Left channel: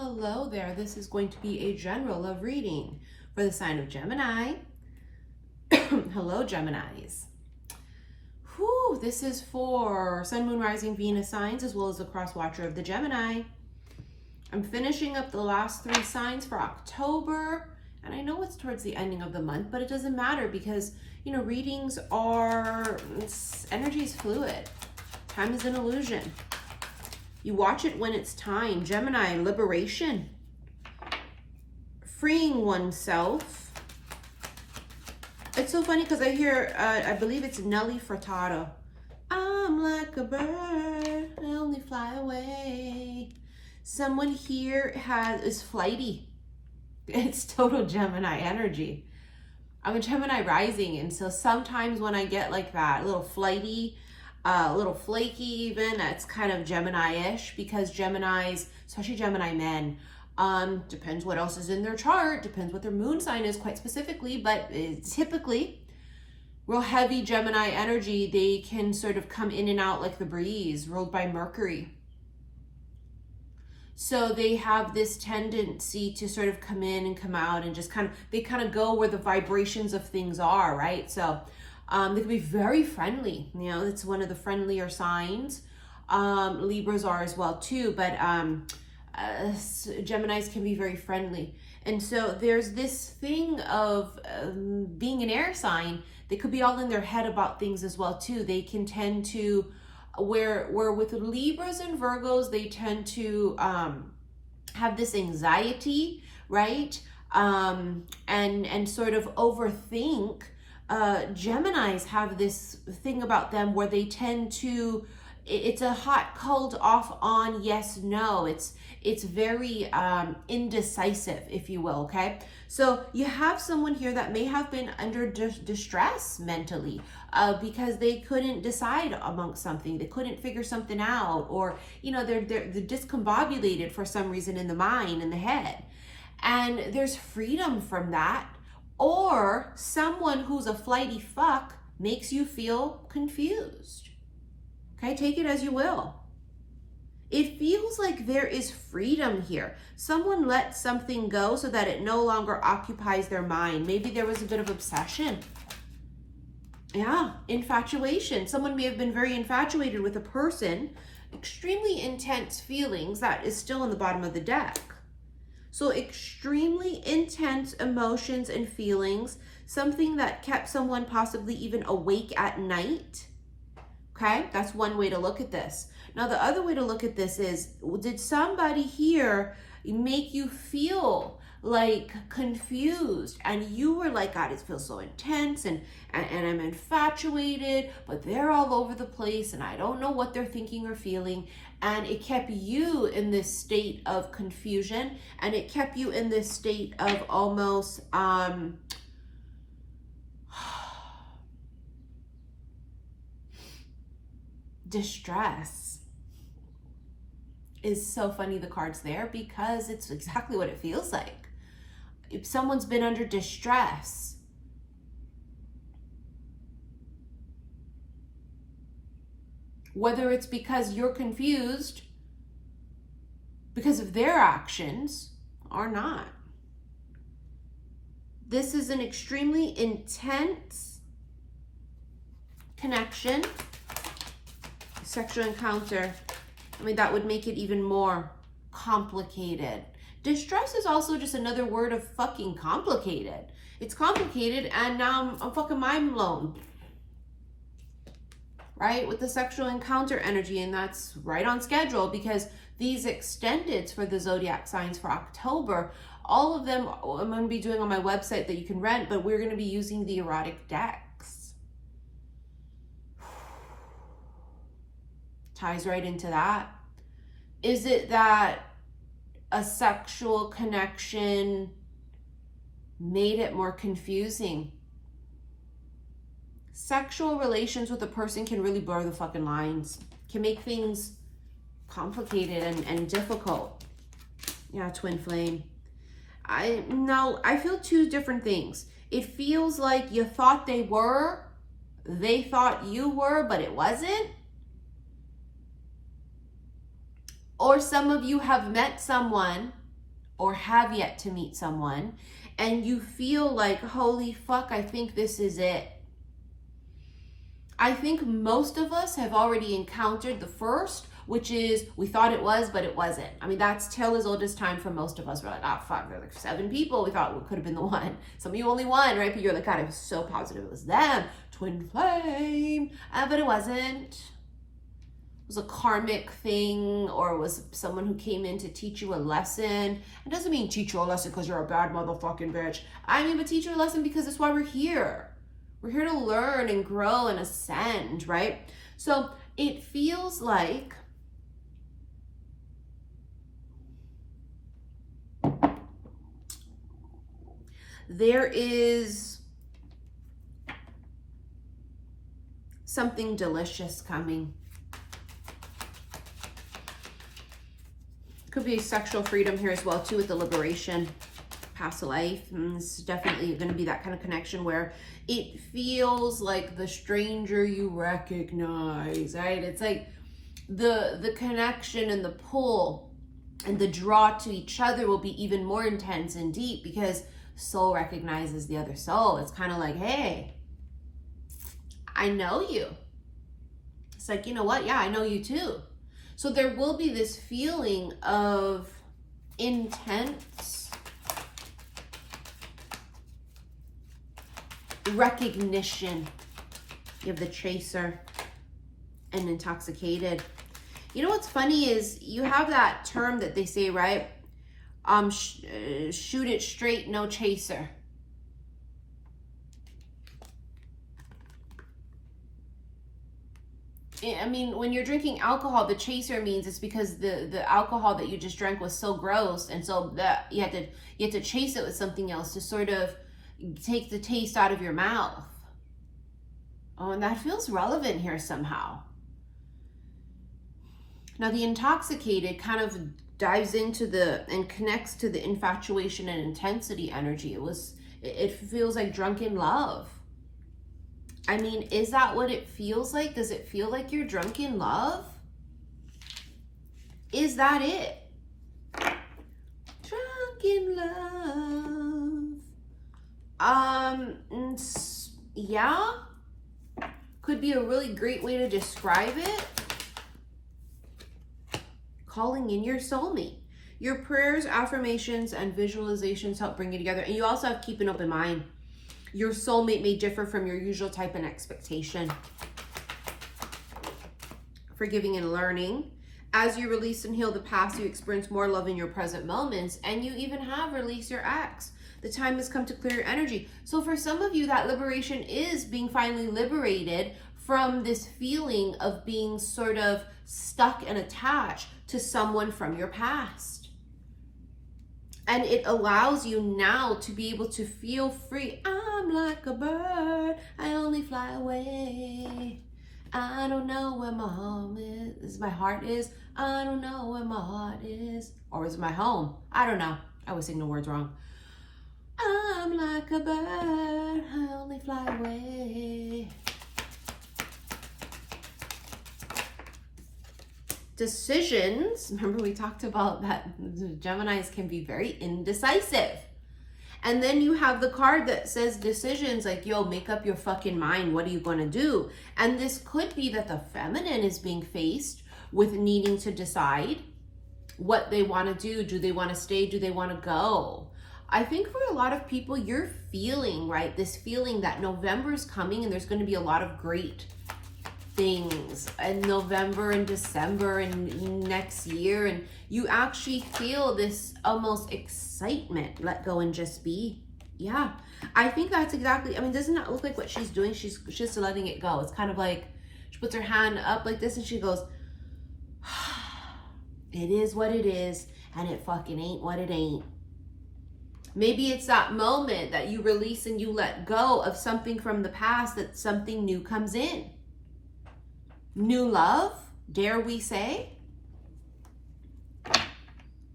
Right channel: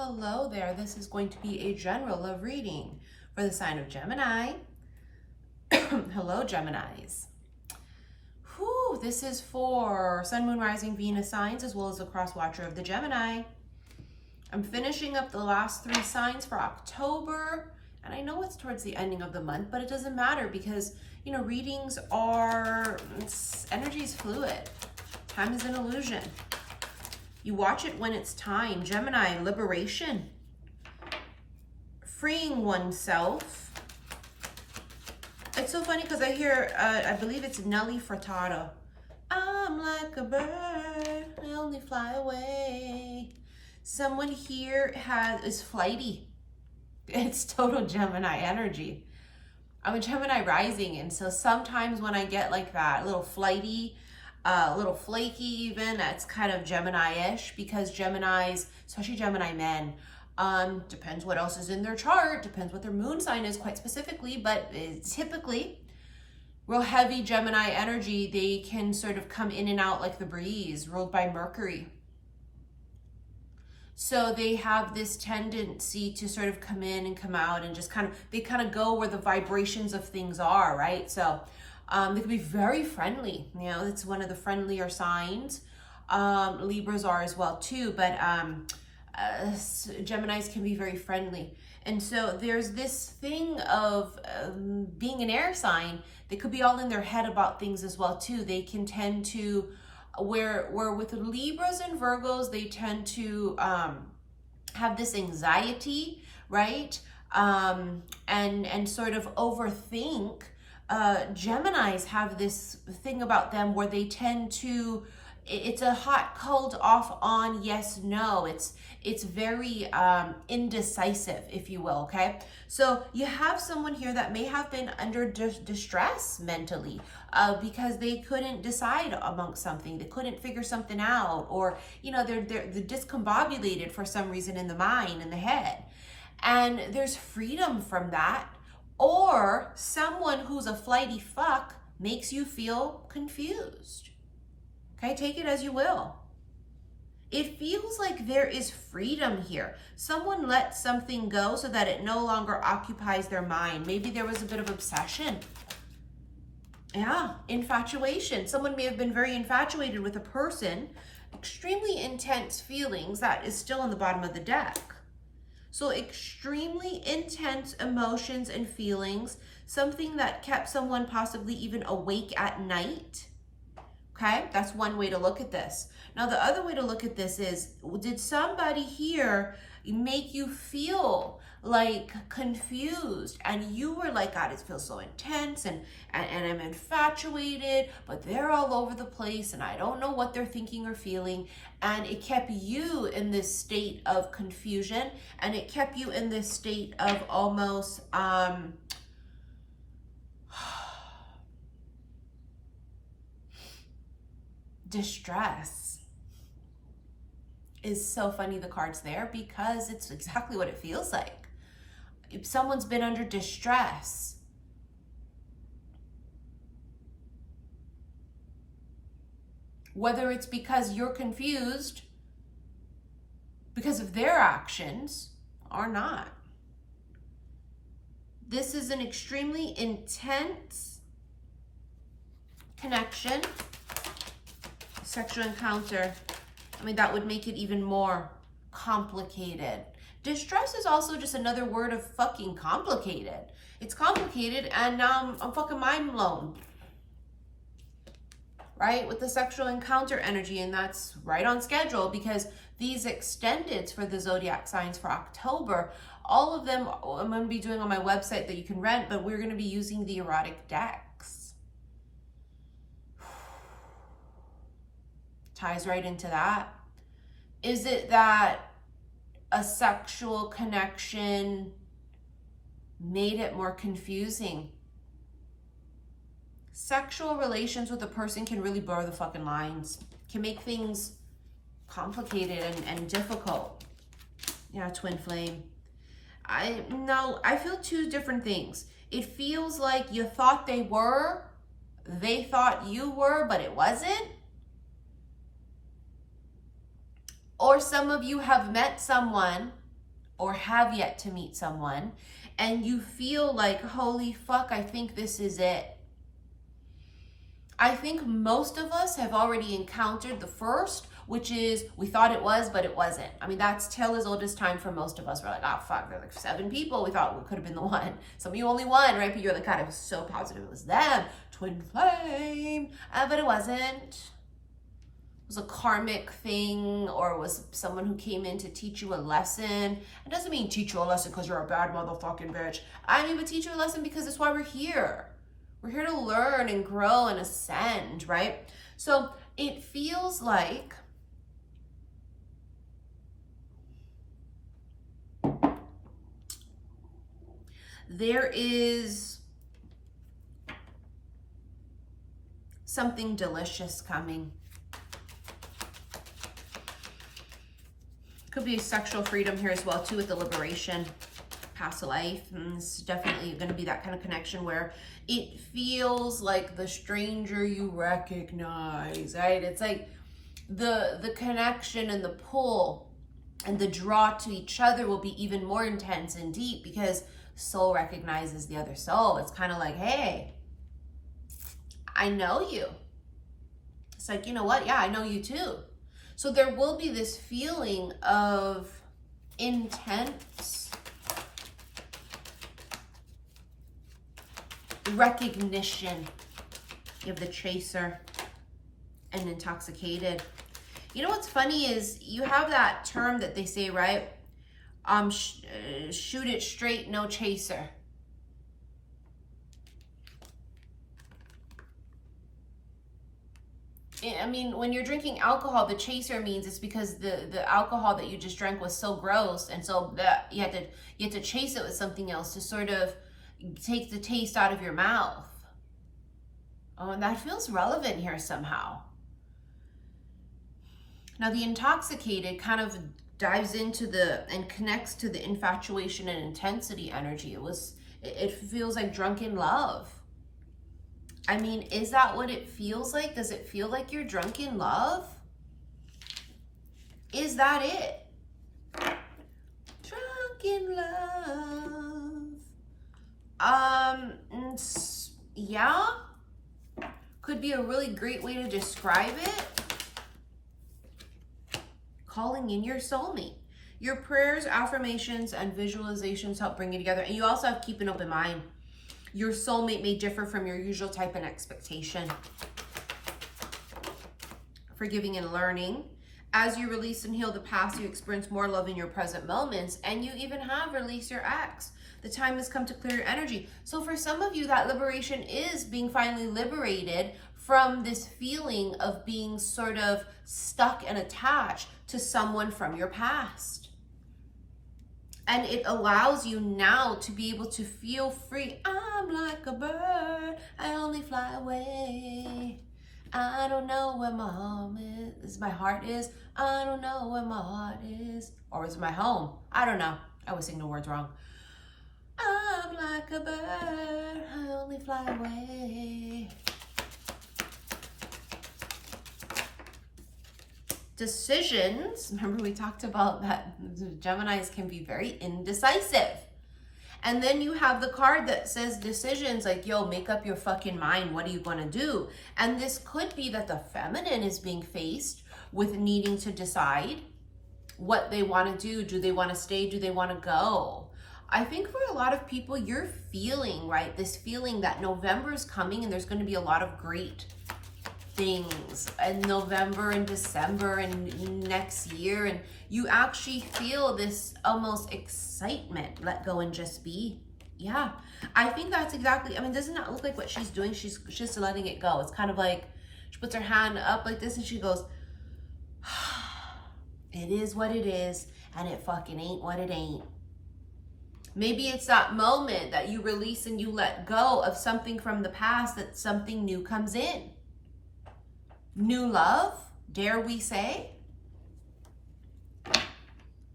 Hello there. This is going to be a general love reading for the sign of Gemini. Hello, Geminis. Whew, this is for Sun, Moon, Rising, Venus signs, as well as the cross watcher of the Gemini. I'm finishing up the last 3 signs for October, and I know it's towards the ending of the month, but it doesn't matter because, you know, readings are, energy is fluid. Time is an illusion. You watch it when it's time. Gemini, liberation. Freeing oneself. It's so funny because I hear, I believe it's Nelly Furtado. I'm like a bird, I only fly away. Someone here is flighty. It's total Gemini energy. I'm a Gemini rising, and so sometimes when I get like that, a little flighty, a little flaky even, that's kind of Gemini-ish, because Geminis, especially Gemini men, depends what else is in their chart, depends what their moon sign is quite specifically, but typically real heavy Gemini energy, they can sort of come in and out like the breeze, ruled by Mercury. So they have this tendency to sort of come in and come out and just they kind of go where the vibrations of things are, right? So they can be very friendly. You know, it's one of the friendlier signs. Libras are as well too, but Geminis can be very friendly. And so there's this thing of being an air sign. They could be all in their head about things as well too. They can tend to, where with Libras and Virgos, they tend to have this anxiety, right? And sort of overthink. Geminis have this thing about them where they tend to, it's a hot, cold, off, on, yes, no. It's very indecisive, if you will, okay? So you have someone here that may have been under distress mentally because they couldn't decide amongst something. They couldn't figure something out, or, you know, they're discombobulated for some reason in the mind, in the head. And there's freedom from that. Or someone who's a flighty fuck makes you feel confused. Okay, take it as you will. It feels like there is freedom here. Someone let something go so that it no longer occupies their mind. Maybe there was a bit of obsession. Yeah, infatuation. Someone may have been very infatuated with a person. Extremely intense feelings. That is still on the bottom of the deck. So extremely intense emotions and feelings, something that kept someone possibly even awake at night. Okay, that's one way to look at this. Now, the other way to look at this is, did somebody here make you feel like confused? And you were like, God, it feels so intense and I'm infatuated, but they're all over the place and I don't know what they're thinking or feeling. And it kept you in this state of confusion, and it kept you in this state of almost, distress. Is so funny, the cards there, because it's exactly what it feels like. If someone's been under distress, whether it's because you're confused because of their actions or not. This is an extremely intense connection, sexual encounter. I mean, that would make it even more complicated. Distress is also just another word of fucking complicated. It's complicated, and now I'm fucking mind blown. Right? With the sexual encounter energy, and that's right on schedule because these extendeds for the zodiac signs for October, all of them I'm going to be doing on my website that you can rent, but we're going to be using the erotic decks. Ties right into that. Is it that a sexual connection made it more confusing? Sexual relations with a person can really blur the fucking lines, can make things complicated and difficult. Yeah, twin flame. I feel 2 different things. It feels like you thought they thought you were, but it wasn't. Or some of you have met someone or have yet to meet someone, and you feel like, holy fuck, I think this is it. I think most of us have already encountered the first, which is we thought it was, but it wasn't. I mean, that's tale as old as time for most of us. We're like, oh fuck, there are like 7 people. We thought it could have been the one. Some of you only one, right? But you're like, God, I was so positive it was them. Twinflame. But it wasn't. It was a karmic thing, or it was someone who came in to teach you a lesson. It doesn't mean teach you a lesson because you're a bad motherfucking bitch. I mean, but teach you a lesson because that's why we're here. We're here to learn and grow and ascend, right? So it feels like there is something delicious coming. Could be sexual freedom here as well too, with the liberation, past life. And this is definitely going to be that kind of connection where it feels like the stranger you recognize, right? It's like the connection and the pull and the draw to each other will be even more intense and deep because soul recognizes the other soul. It's kind of like, hey, I know you. It's like, you know what? Yeah, I know you too. So there will be this feeling of intense recognition. You have the chaser and intoxicated. You know what's funny is you have that term that they say, right? Shoot it straight, no chaser. I mean, when you're drinking alcohol, the chaser means it's because the alcohol that you just drank was so gross, and so that you had to chase it with something else to sort of take the taste out of your mouth. Oh, and that feels relevant here somehow. Now, the intoxicated kind of dives into and connects to the infatuation and intensity energy. It feels like drunken love. I mean, is that what it feels like? Does it feel like you're drunk in love? Is that it? Drunk in love. Yeah. Could be a really great way to describe it. Calling in your soulmate. Your prayers, affirmations, and visualizations help bring you together. And you also have to keep an open mind. Your soulmate may differ from your usual type and expectation. Forgiving and learning. As you release and heal the past, you experience more love in your present moments, and you even have released your ex. The time has come to clear your energy. So for some of you, that liberation is being finally liberated from this feeling of being sort of stuck and attached to someone from your past. And it allows you now to be able to feel free. I'm like a bird, I only fly away. I don't know where my home is. My heart is. I don't know where my heart is. Or is it my home? I don't know. I always sing the words wrong. I'm like a bird, I only fly away. Decisions, remember we talked about that Geminis can be very indecisive. And then you have the card that says decisions, like, yo, make up your fucking mind. What are you going to do? And this could be that the feminine is being faced with needing to decide what they want to do. Do they want to stay? Do they want to go? I think for a lot of people, you're feeling, right, this feeling that November is coming and there's going to be a lot of great things in November and December and next year, and you actually feel this almost excitement. Let go and just be. Yeah, I think that's exactly, I mean, doesn't that look like what she's doing? She's just letting it go. It's kind of like she puts her hand up like this and she goes, it is what it is, and it fucking ain't what it ain't. Maybe it's that moment that you release and you let go of something from the past, that something new comes in. New love, dare we say?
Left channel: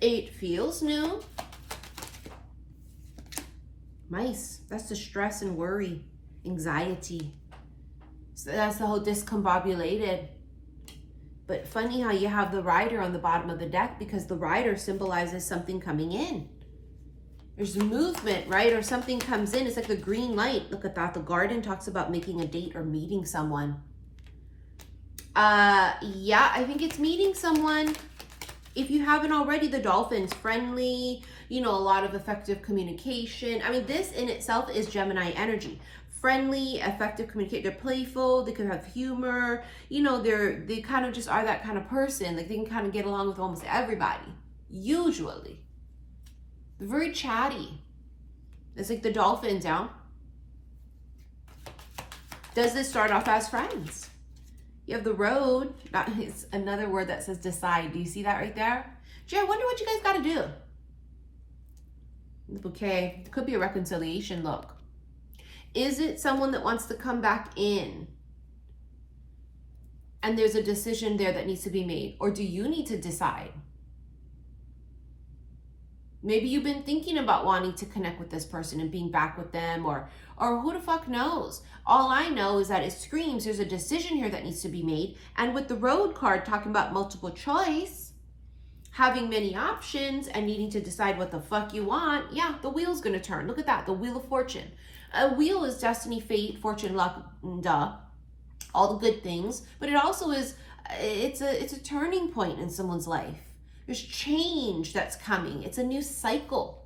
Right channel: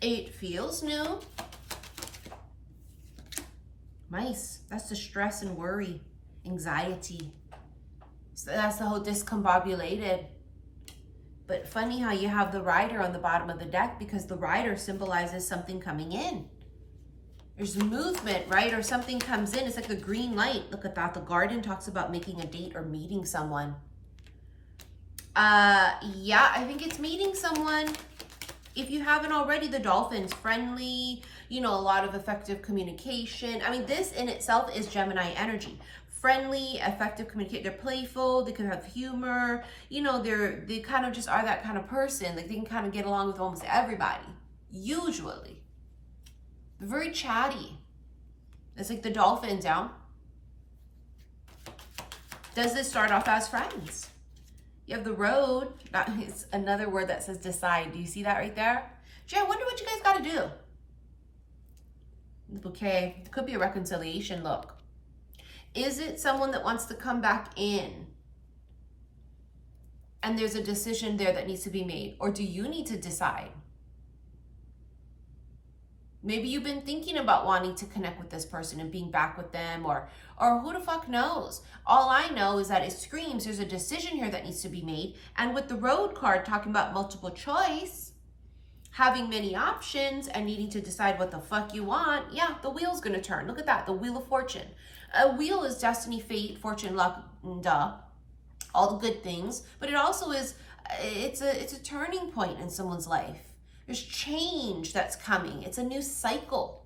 It feels new. Nice. That's the stress and worry, anxiety. So that's the whole discombobulated. But funny how you have the rider on the bottom of the deck, because the rider symbolizes something coming in. There's movement, right? Or something comes in. It's like the green light. Look at that. The Garden talks about making a date or meeting someone. Yeah, I think it's meeting someone. If you haven't already, the Dolphins, friendly, you know, a lot of effective communication. I mean, this in itself is Gemini energy. Friendly, effective communicate. They're playful. They could have humor. You know, they kind of just are that kind of person. Like they can kind of get along with almost everybody. Usually. They're very chatty. It's like the Dolphins, yeah? Does this start off as friends? You have the Road. That is another word that says decide. Do you see that right there? Gee, I wonder what you guys got to do. The Bouquet. It could be a reconciliation look. Is it someone that wants to come back in? And there's a decision there that needs to be made. Or do you need to decide? Maybe you've been thinking about wanting to connect with this person and being back with them, or who the fuck knows? All I know is that it screams there's a decision here that needs to be made. And with the Road card talking about multiple choice, having many options and needing to decide what the fuck you want, yeah, the wheel's gonna turn. Look at that, the Wheel of Fortune. A wheel is destiny, fate, fortune, luck, duh, all the good things. But it also is, it's a turning point in someone's life. There's change that's coming. It's a new cycle.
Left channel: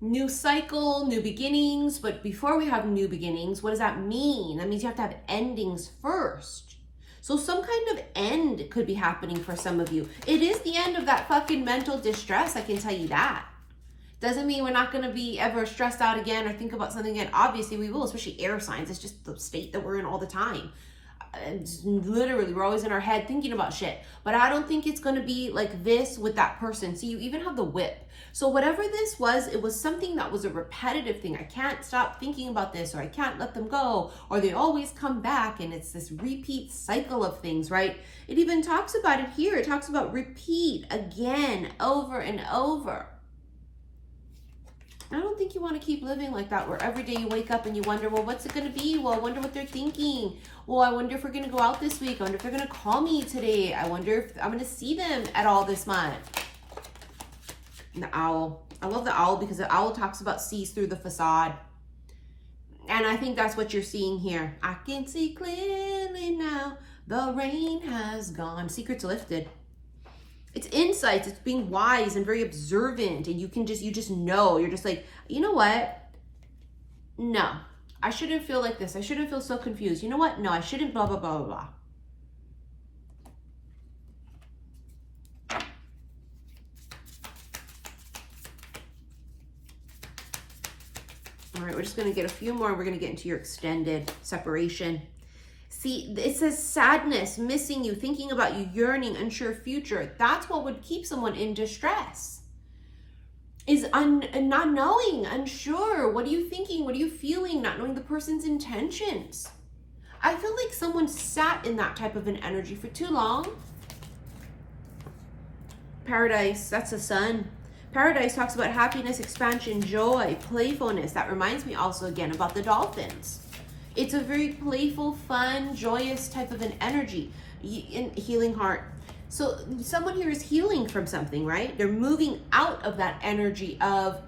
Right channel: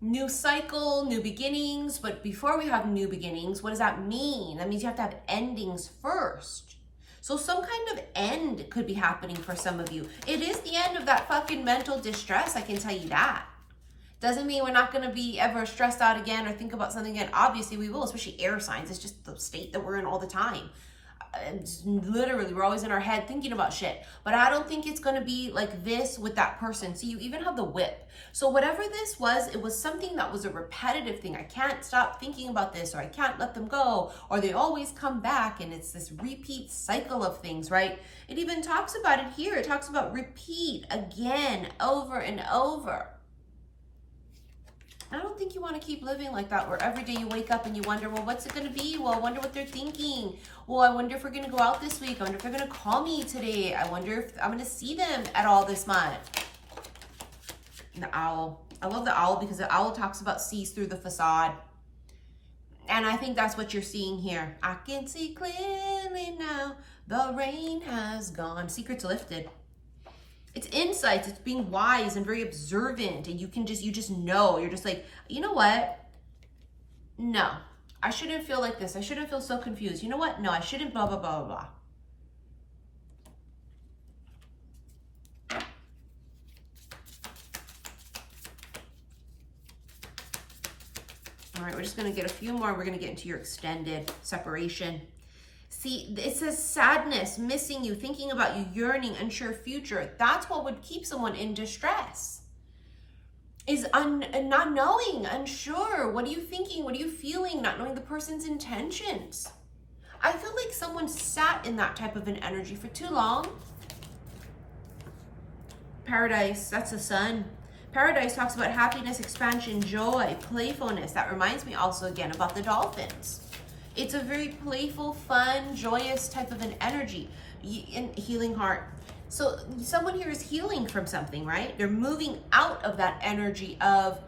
New cycle, new beginnings. But before we have new beginnings, what does that mean? That means you have to have endings first. So some kind of end could be happening for some of you. It is the end of that fucking mental distress, I can tell you that. Doesn't mean we're not going to be ever stressed out again or think about something again. Obviously we will, especially air signs. It's just the state that we're in all the time. It's literally, we're always in our head thinking about shit. But I don't think it's going to be like this with that person. See, you even have the Whip. So whatever this was, it was something that was a repetitive thing. I can't stop thinking about this, or I can't let them go, or they always come back, and it's this repeat cycle of things, right? It even talks about it here. It talks about repeat again, over and over. I don't think you want to keep living like that, where every day you wake up and you wonder, well, what's it going to be? Well, I wonder what they're thinking. Well, I wonder if we're going to go out this week. I wonder if they're going to call me today. I wonder if I'm going to see them at all this month. And the Owl. I love the Owl because the Owl talks about sees through the facade. And I think that's what you're seeing here. I can see clearly now. The rain has gone. Secrets lifted. It's insights. It's being wise and very observant. And you just know. You're just like, you know what? No, I shouldn't feel like this. I shouldn't feel so confused. You know what? No, I shouldn't blah, blah, blah, blah, blah. All right, we're just going to get a few more. We're going to get into your extended separation. See, it says sadness, missing you, thinking about you, yearning, unsure future. That's what would keep someone in distress. Is not knowing, unsure. What are you thinking? What are you feeling? Not knowing the person's intentions. I feel like someone sat in that type of an energy for too long. Paradise, that's the sun. Paradise talks about happiness, expansion, joy, playfulness. That reminds me also again about the Dolphins. It's a very playful, fun, joyous type of an energy. Healing heart. So someone here is healing from something, right? They're moving out of that energy of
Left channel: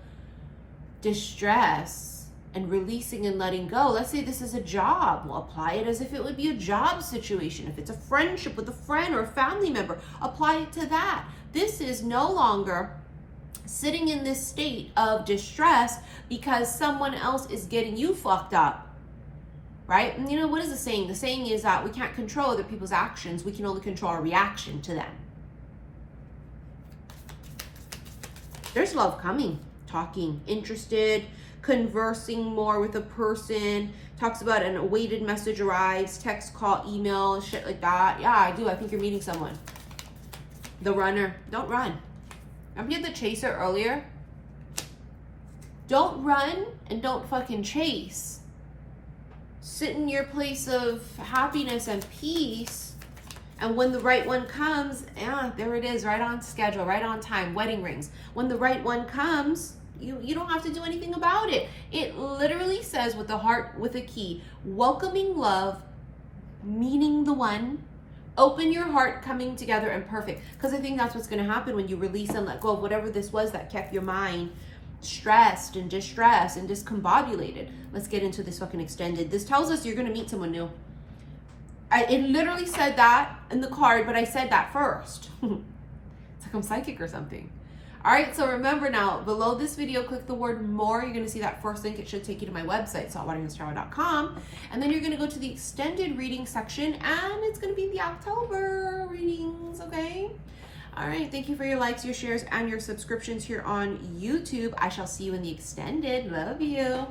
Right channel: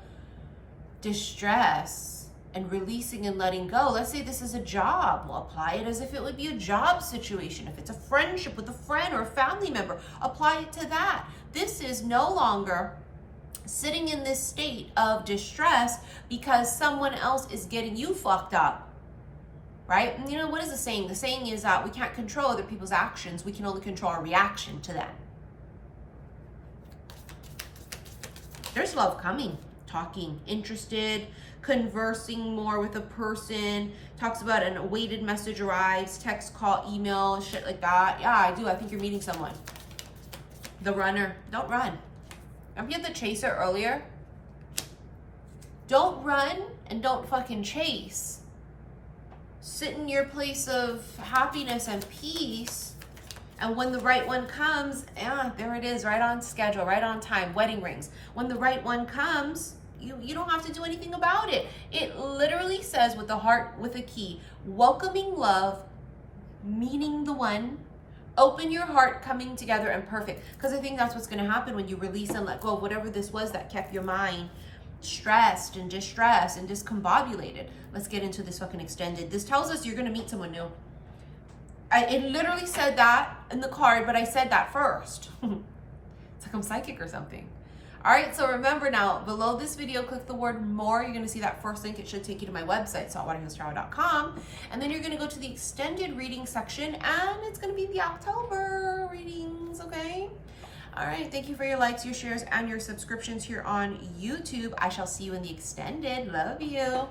distress and releasing and letting go. Let's say this is a job. We'll apply it as if it would be a job situation. If it's a friendship with a friend or a family member, apply it to that. This is no longer sitting in this state of distress because someone else is getting you fucked up. Right? And you know, what is the saying? The saying is that we can't control other people's actions. We can only control our reaction to them. There's love coming, talking, interested, conversing more with a person. Talks about an awaited message arrives, text, call, email, shit like that. Yeah, I do. I think you're meeting someone. The Runner. Don't run. Remember you had the Chaser earlier? Don't run and don't fucking chase. Sit in your place of happiness and peace, and when the right one comes, yeah, there it is, right on schedule, right on time, wedding rings. When the right one comes, you don't have to do anything about it. It literally says with the heart with a key, welcoming love, meeting the one, Open your heart, coming together and perfect. Because I think that's what's going to happen when you release and let go of whatever this was that kept your mind stressed and distressed and discombobulated. Let's get into this fucking extended. This tells us you're going to meet someone new. It literally said that in the card, but I said that first. It's like I'm psychic or something. All right, so remember now, below this video, click the word more. You're going to see that first link. It should take you to my website, saltwaterhealstarot.com. And then you're going to go to the extended reading section, and it's going to be the October readings, okay? All right, thank you for your likes, your shares, and your subscriptions here on YouTube. I shall see you in the extended. Love you.